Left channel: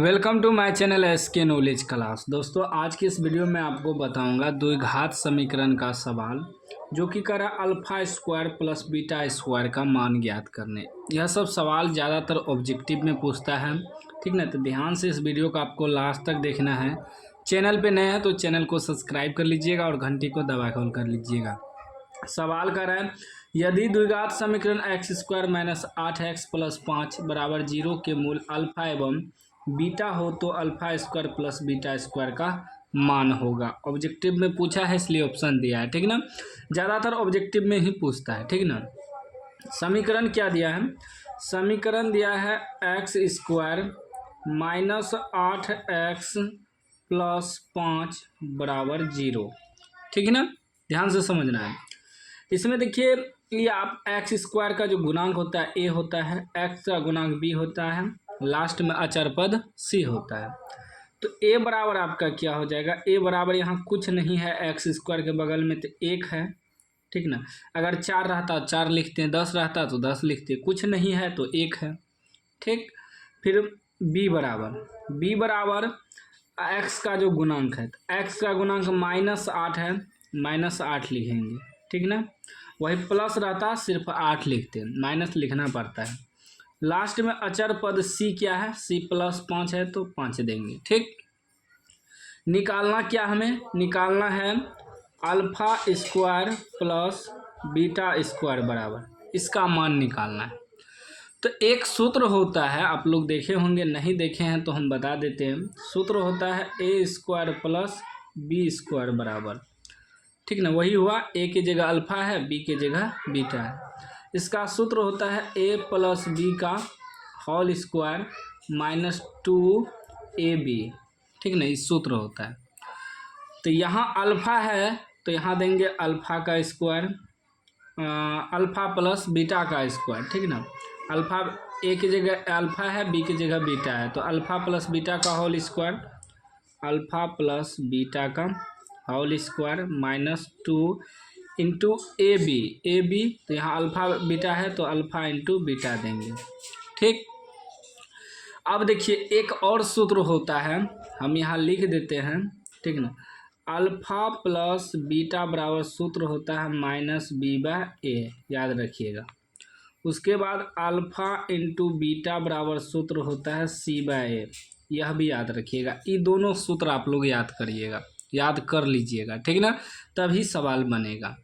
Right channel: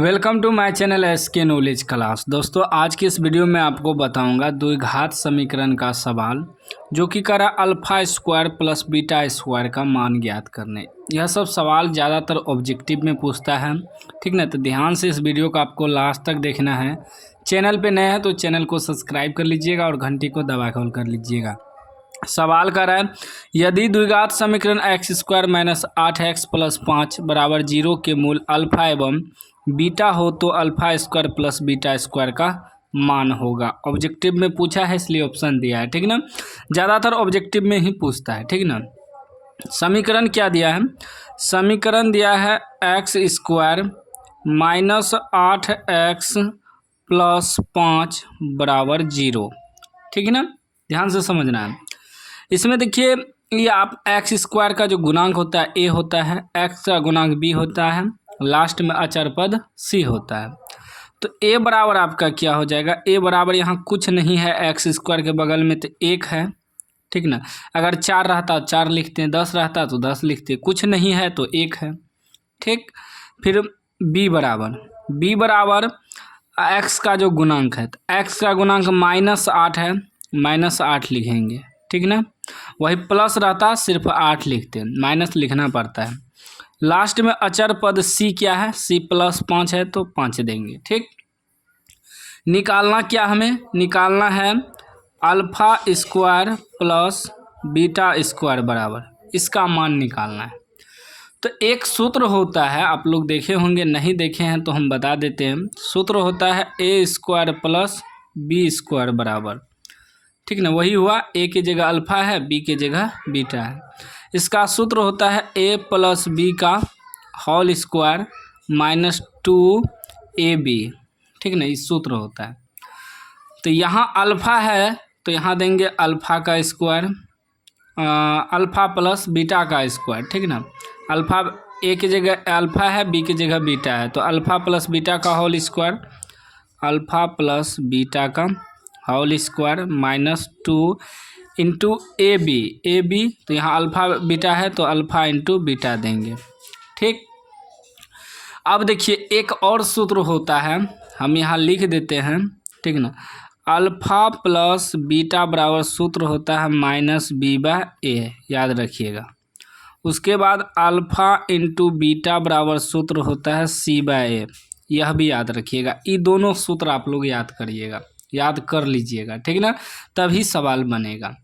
Welcome to my channel SK knowledge class. दोस्तों आज की इस वीडियो में आपको बताऊंगा द्विघात समीकरण का सवाल जो कि करा alpha square plus beta square का मान ज्ञात करने। यह सब सवाल ज़्यादातर ऑब्जेक्टिव में पूछता है, ठीक ना। तो ध्यान से इस वीडियो को आपको लास्ट तक देखना है। चैनल पे नए हैं तो चैनल को सब्सक्राइब कर लीजिएगा और घंटी को दबा कर कर लीजिएगा। सवाल कर रहा है, यदि द्विघात समीकरण x square minus 8x plus 5 बराबर 0 के मूल अल्फा एवं बीटा हो तो alpha square plus beta square का मान होगा। ऑब्जेक्टिव में पूछा है इसलिए ऑप्शन दिया है, ठीक ना। ज़्यादातर ऑब्जेक्टिव में ही पूछता है, ठीक ना। समीकरण क्या दिया है? समीकरण दिया है x square minus 8x plus 5 बराबर 0, ठीक है ना। ध्यान से समझना है। इसमें देखिए ये आप एक्स स्क्वायर का जो गुणांक होता है ए होता है, एक्स का गुणांक बी होता है, लास्ट में अचर पद सी होता है। तो ए बराबर आपका क्या हो जाएगा? ए बराबर यहाँ कुछ नहीं है, एक्स स्क्वायर के बगल में तो 1 है, ठीक ना। अगर 4 रहता 4 लिखते हैं, 10 रहता तो 10 लिखते, कुछ नहीं है तो 1 है, ठीक। फिर बी बराबर एक्स का जो गुणांक है, तो एक्स का गुणांक -8 है, -8 लिखेंगे, ठीक ना। वही प्लस रहता सिर्फ 8 लिखते, माइनस लिखना पड़ता है। लास्ट में अचर पद सी क्या है? सी प्लस 5 है तो 5 देंगे, ठीक। निकालना क्या हमें? निकालना है alpha square plus beta square बराबर, इसका मान निकालना है। तो एक सूत्र होता है, आप लोग देखे होंगे, नहीं देखे हैं तो हम बता देते हैं। सूत्र होता है ए स्क्वायर प्लस बी स्क्वायर बराबर, ठीक ना। वही हुआ, ए की जगह अल्फा है, बी की जगह बीटा है। इसका सूत्र होता है ए प्लस बी का होल स्क्वायर -2ab, ठीक ना। इस सूत्र होता है। तो यहाँ अल्फ़ा है तो यहाँ देंगे अल्फ़ा का स्क्वायर, अल्फ़ा प्लस बीटा का स्क्वायर, ठीक ना। अल्फ़ा ए की जगह अल्फ़ा है, बी की जगह बीटा है, तो अल्फ़ा प्लस बीटा का whole square, alpha plus beta का whole square -2 into A B, तो यहाँ अल्फ़ा बीटा है तो अल्फ़ा इंटू बीटा देंगे, ठीक। अब देखिए एक और सूत्र होता है, हम यहाँ लिख देते हैं, ठीक ना। अल्फ़ा प्लस बीटा बराबर सूत्र होता है -b/a, याद रखिएगा। उसके बाद अल्फ़ा इंटू बीटा बराबर सूत्र होता है c/a, यह भी याद रखिएगा। ये दोनों सूत्र आप लोग याद करिएगा, याद कर लीजिएगा, ठीक ना, तभी सवाल बनेगा।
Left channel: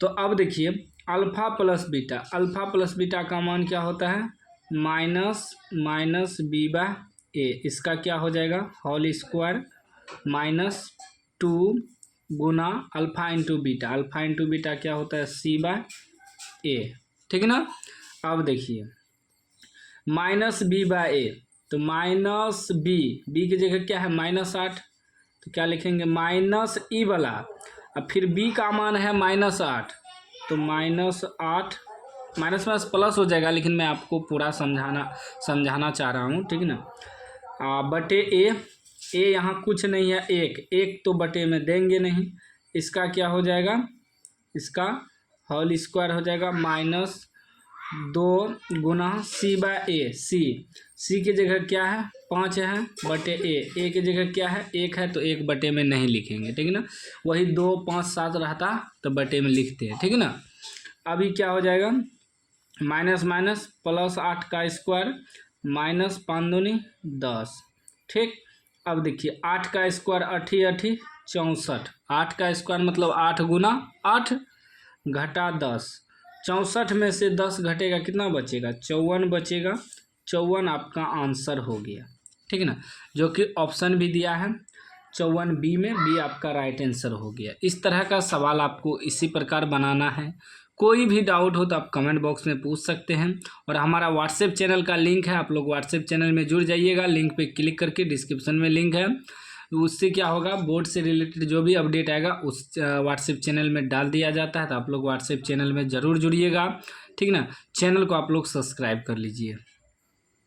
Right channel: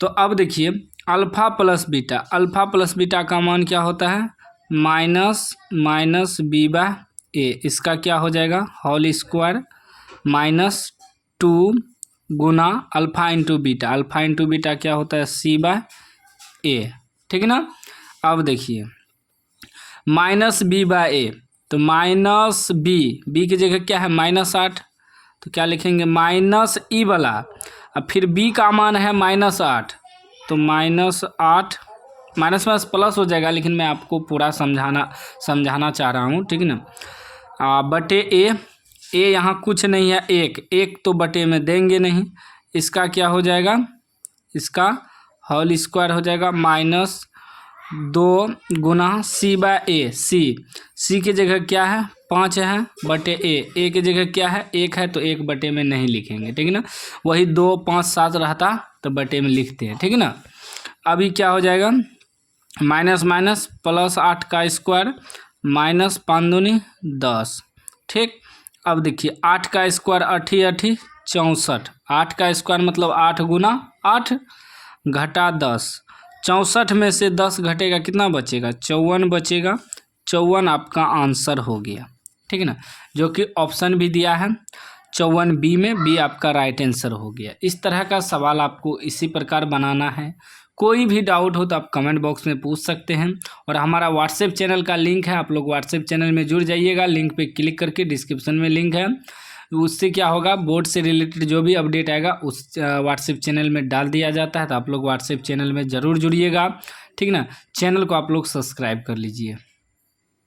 तो अब देखिए अल्फ़ा प्लस बीटा का मान क्या होता है? -b/a, इसका क्या हो जाएगा? होल स्क्वायर -2 गुना अल्फ़ा इंटू बीटा क्या होता है? c/a, ठीक ना। अब देखिए -b/a, तो -b की जगह क्या है? -8, तो क्या लिखेंगे? -e वाला, अब फिर b का मान है -8, तो -8 माइनस प्लस हो जाएगा, लेकिन मैं आपको पूरा समझाना चाह रहा हूँ, ठीक ना। बटे ए यहाँ कुछ नहीं है, एक तो बटे में देंगे नहीं, इसका क्या हो जाएगा? इसका होल स्क्वायर हो जाएगा -2 गुना c/a, सी की जगह क्या है? 5 है, बटे ए की जगह क्या है? 1 है, तो 1 बटे में नहीं लिखेंगे, ठीक ना। वही 2, 5, 7 रहता तो बटे में लिखते हैं, ठीक ना। अभी क्या हो जाएगा? माइनस प्लस 8 का स्क्वायर -5 दूनी 10, ठीक। अब देखिए 8 का स्क्वायर 8 64, 8 का स्क्वायर मतलब 8 गुना 8 घटा 10, 64 में से 10 घटेगा, कितना बचेगा? 54 बचेगा। 54 आपका आंसर हो गया, ठीक है ना, जो कि ऑप्शन भी दिया है 54 बी में, बी आपका राइट आंसर हो गया। इस तरह का सवाल आपको इसी प्रकार बनाना है। कोई भी डाउट हो तो आप कमेंट बॉक्स में पूछ सकते हैं। और हमारा व्हाट्सएप चैनल का लिंक है, आप लोग व्हाट्सएप चैनल में जुड़ जाइएगा। लिंक पे क्लिक करके डिस्क्रिप्शन में लिंक है, उससे क्या होगा, बोर्ड से रिलेटेड जो भी अपडेट आएगा उस व्हाट्सएप चैनल में डाल दिया जाता है। तो आप लोग व्हाट्सएप चैनल में ज़रूर जुड़िएगा, ठीक ना। चैनल को आप लोग सब्सक्राइब कर लीजिए।